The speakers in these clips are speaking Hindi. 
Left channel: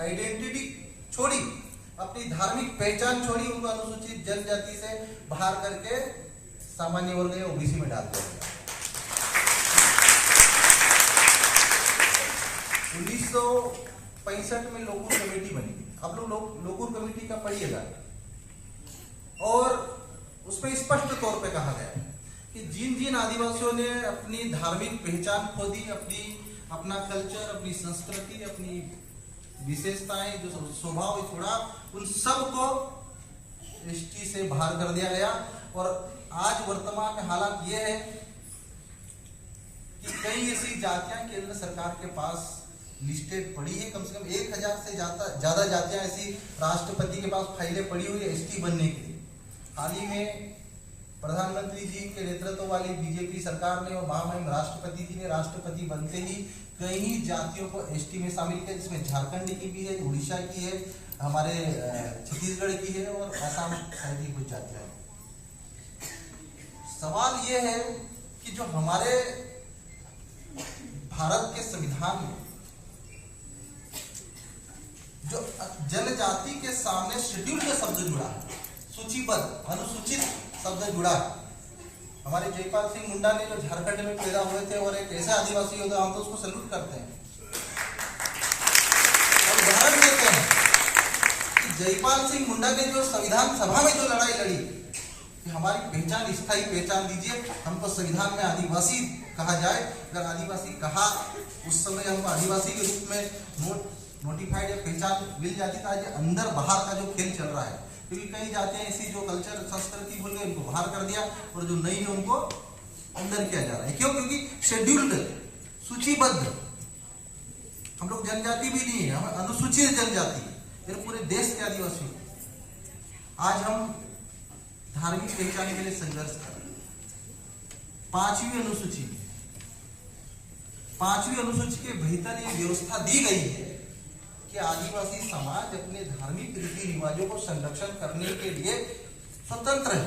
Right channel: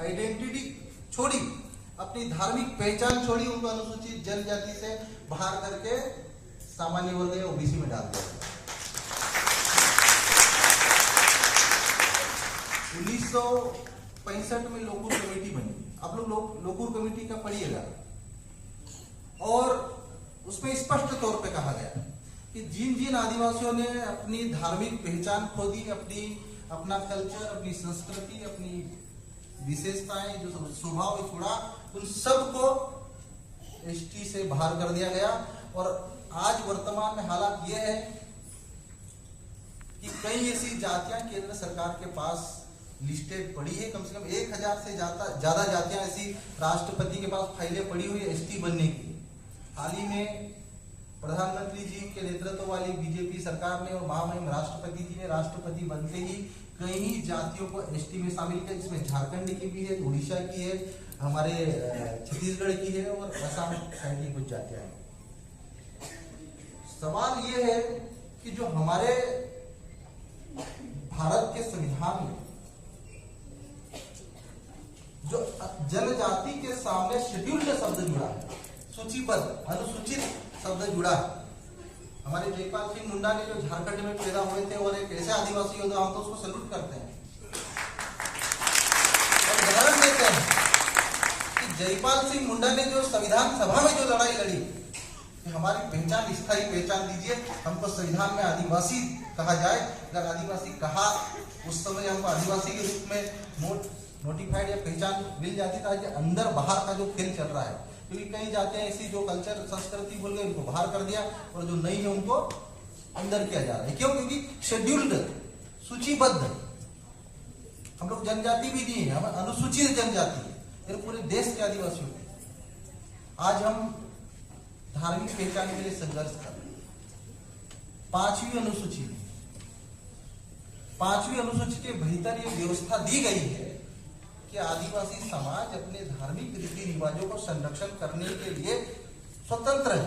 आइडेंटिटी छोड़ी, अपनी धार्मिक पहचान छोड़ी, उनको अनुसूचित जनजाति से बाहर करके सामान्य वर्ग या ओबीसी में डाल दिया। 1965 में लोकूर कमेटी बनी। आप लोग लोकूर कमेटी का पढ़िएगा और उसमें स्पष्ट तौर पे कहा गया कि जिन जिन आदिवासियों ने अपनी धार्मिक पहचान खो दी, अपना कल्चर, अपनी संस्कृति, अपनी विशेषताएं, जो स्वभाव छोड़ा, उन सबको एसटी से बाहर कर दिया गया। और आज वर्तमान में हालात यह है कि कई ऐसी जातियां केंद्र सरकार के पास लिस्टेड पड़ी है, कम से कम 1000 से ज्यादा जातियां ऐसी राष्ट्रपति के पास फाइलें पड़ी हुई है एसटी बनने की। हाल ही में प्रधानमंत्री जी के नेतृत्व वाली बीजेपी सरकार ने और महामहिम राष्ट्रपति जी ने राष्ट्रपति बनते ही कई जातियों को एसटी में शामिल किया, जिसमें झारखंड की भी है, उड़ीसा की है, हमारे छत्तीसगढ़ की है और असम की कुछ जातियां। सवाल यह है कि जो हमारे भारत के संविधान में जो जनजाति के सामने शेड्यूल का शब्द जुड़ा है, सूचीबद्ध अनुसूचित शब्द जुड़ा, हमारे जयपाल सिंह मुंडा ने जो झारखंड में पैदा हुए थे और एक ऐसे आदिवासी योद्धा, हम तो उसको सैल्यूट करते हैं और उदाहरण देते हैं कि जयपाल सिंह मुंडा ने जो संविधान सभा में जो लड़ाई लड़ी कि हमारी पहचान स्थायी पहचान दीजिए, हमको संविधान में आदिवासी कहा जाए। अगर आदिवासी कहा उस समय हमको आदिवासी के रूप में नोटिफाइड या पहचान मिल जाती था। जो अंदर बाहर का जो खेल चल रहा है, क्योंकि कई जाते हैं ऐसी जो कल्चर संस्कृति बोल गए उनको बाहर कर दिया और जो नहीं है उनको अंदर किया जा रहा है। क्यों? क्योंकि शेड्यूल्ड, सूचीबद्ध, हम लोग जनजाति भी नहीं है, हम अनुसूचित जनजाति है पूरे देश के आदिवासी। आज हम धार्मिक पहचान के लिए संघर्ष कर रहे हैं। 5वीं अनुसूची के भीतर ये व्यवस्था दी गई है कि आदिवासी समाज अपने धार्मिक रीति रिवाजों को संरक्षण करने के लिए स्वतंत्र है।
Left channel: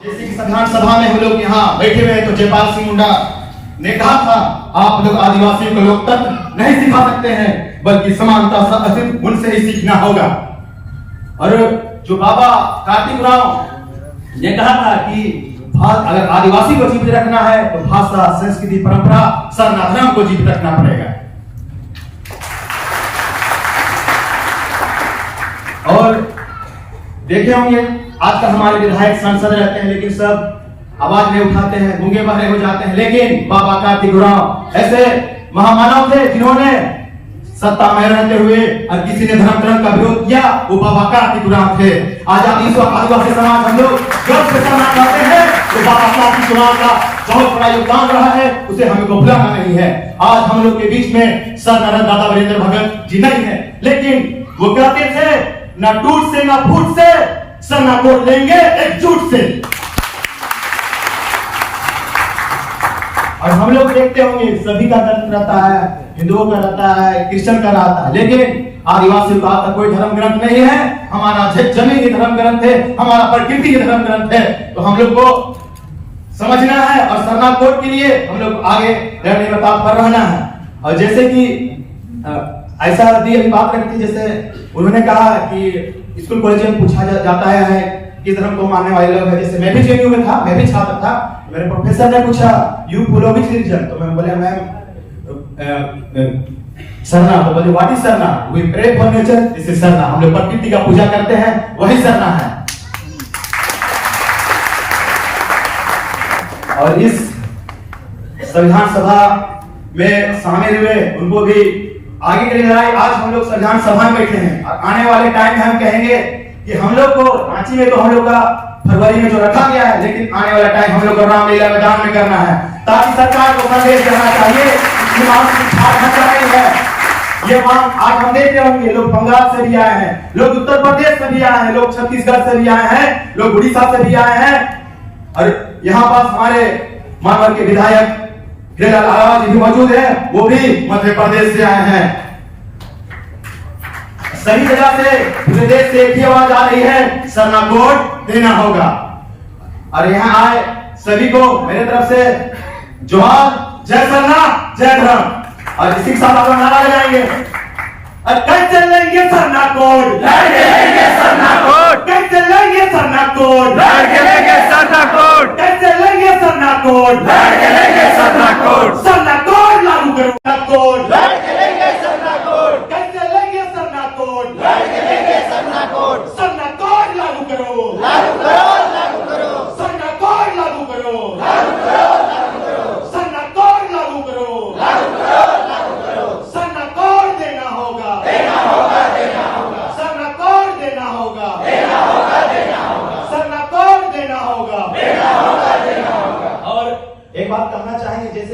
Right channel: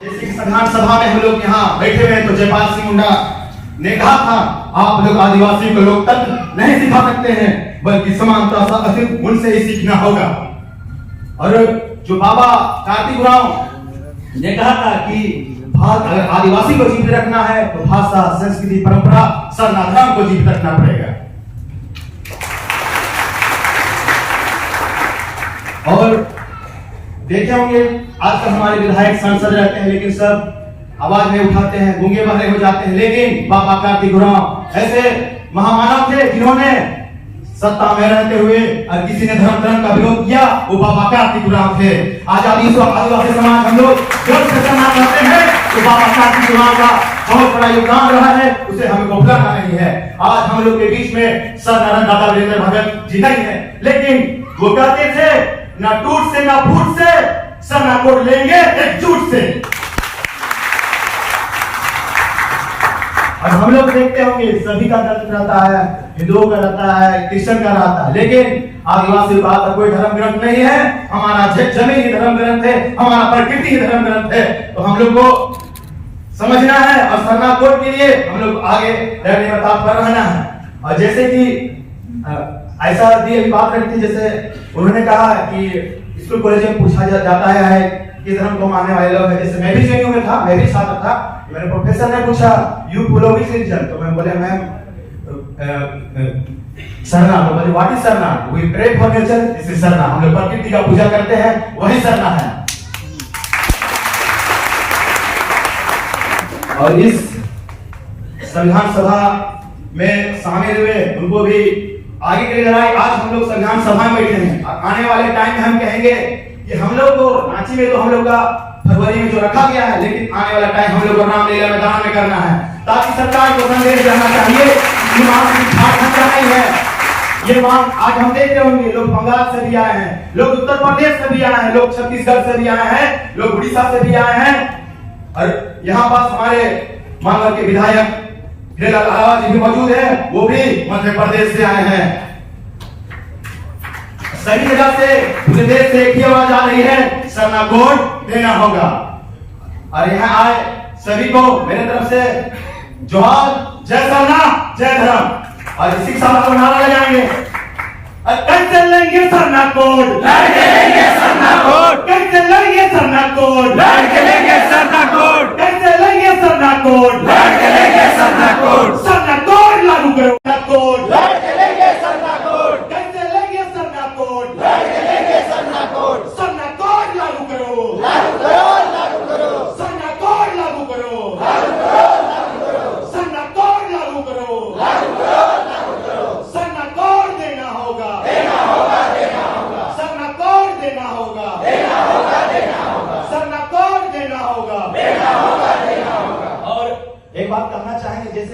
जैसे कि संविधान सभा में हम लोग यहाँ बैठे हुए हैं तो जयपाल सिंह मुंडा ने कहा था, आप लोग आदिवासियों को लोकतंत्र नहीं सिखा सकते हैं, बल्कि समानता सा अस्तित्व उनसे ही सीखना होगा। और जो बाबा कार्तिक उरांव ने कहा था कि अगर आदिवासी को जीवित रखना है तो भाषा, संस्कृति, परंपरा, सरना धर्म को जीवित रखना पड़ेगा। और देखे होंगे आजकल हमारे विधायक सांसद रहते हैं लेकिन सब आवाज नहीं उठाते हैं, गूंगे बहरे हो जाते हैं। लेकिन बाबा कार्तिक उरांव ऐसे महामानव थे जिन्होंने सत्ता में रहते हुए और किसी ने धर्म का विरोध किया, वो बाबा कार्तिक उरांव थे। आजादी आदिवासी समाज हम लोग गर्व से सम्मान करते हैं तो बाबा कार्तिक उरांव का बहुत बड़ा योगदान रहा है, उसे हमें भूलना नहीं है। आज हम लोग के बीच में सर नारायण दादा वीरेंद्र भगत जी नहीं है, लेकिन वो कहते थे ना टूट से ना फूट से सर कोट लेंगे एकजुट से। और हम लोग देखते होंगे सभी का धर्म रहता है, हिंदुओं का रहता है, क्रिश्चियन का रहता है, लेकिन आदिवासी का कोई धर्म ग्रंथ नहीं है। हमारा जमीन ही धर्म ग्रंथ है, हमारा प्रकृति ही धर्म ग्रंथ है। तो हम लोग को समझना है और सरना कोट के लिए हम लोग आगे लड़ने में तत्पर रहना है। और जैसे कि ऐसा दी बात रखी थी, जैसे उन्होंने कहा कि स्कूल कॉलेज में पूछा जाता है कि धर्म को मानने वाले लोग हैं। जैसे मैं भी जेएनयू में था, मैं भी छात्र था, मेरे प्रोफेसर ने पूछा यू फॉलो व्हिच रिलीजन, तो मैं बोला मैम सरना। तो बोले what is Sarna? We pray for nature, this is Sarna. हम लोग प्रकृति का पूजा करते हैं, वही सरना है। और इस संविधान सभा में शामिल हुए उनको भी आगे की लड़ाई, आज हम लोग संविधान सभा में बैठे हैं और आने वाले टाइम में हम कहेंगे कि हम लोग को रांची में तो हम लोग का फरवरी में जो रखा गया है, लेकिन आने वाला टाइम हम लोग को रामलीला मैदान में करना है, ताकि सरकार को संदेश देना चाहिए कि झारखंड का नहीं है ये मांग। आज हम देख रहे होंगे लोग बंगाल से भी आए हैं, लोग उत्तर प्रदेश से भी आए हैं, लोग छत्तीसगढ़ से भी आए हैं, लोग उड़ीसा से भी आए हैं। और यहाँ पास हमारे मानवर के विधायक हिरेलाल जी भी मौजूद है, वो भी मध्य प्रदेश से आए हैं। सही जगह से पूरे देश से एक ही आवाज आ रही है, सरना कोड देना होगा। और यहाँ आए सभी को मेरे तरफ से जोहार, जय सरना जय धर्म। और इसी के साथ नारा लगाएंगे, कैसे लेंगे सरना कोड, लड़के लेंगे सरना कोड, कैसे लेंगे सरना कोड, लड़के लेंगे सरना कोड, कैसे लेंगे सरना कोड, लड़के लेंगे सरना कोड।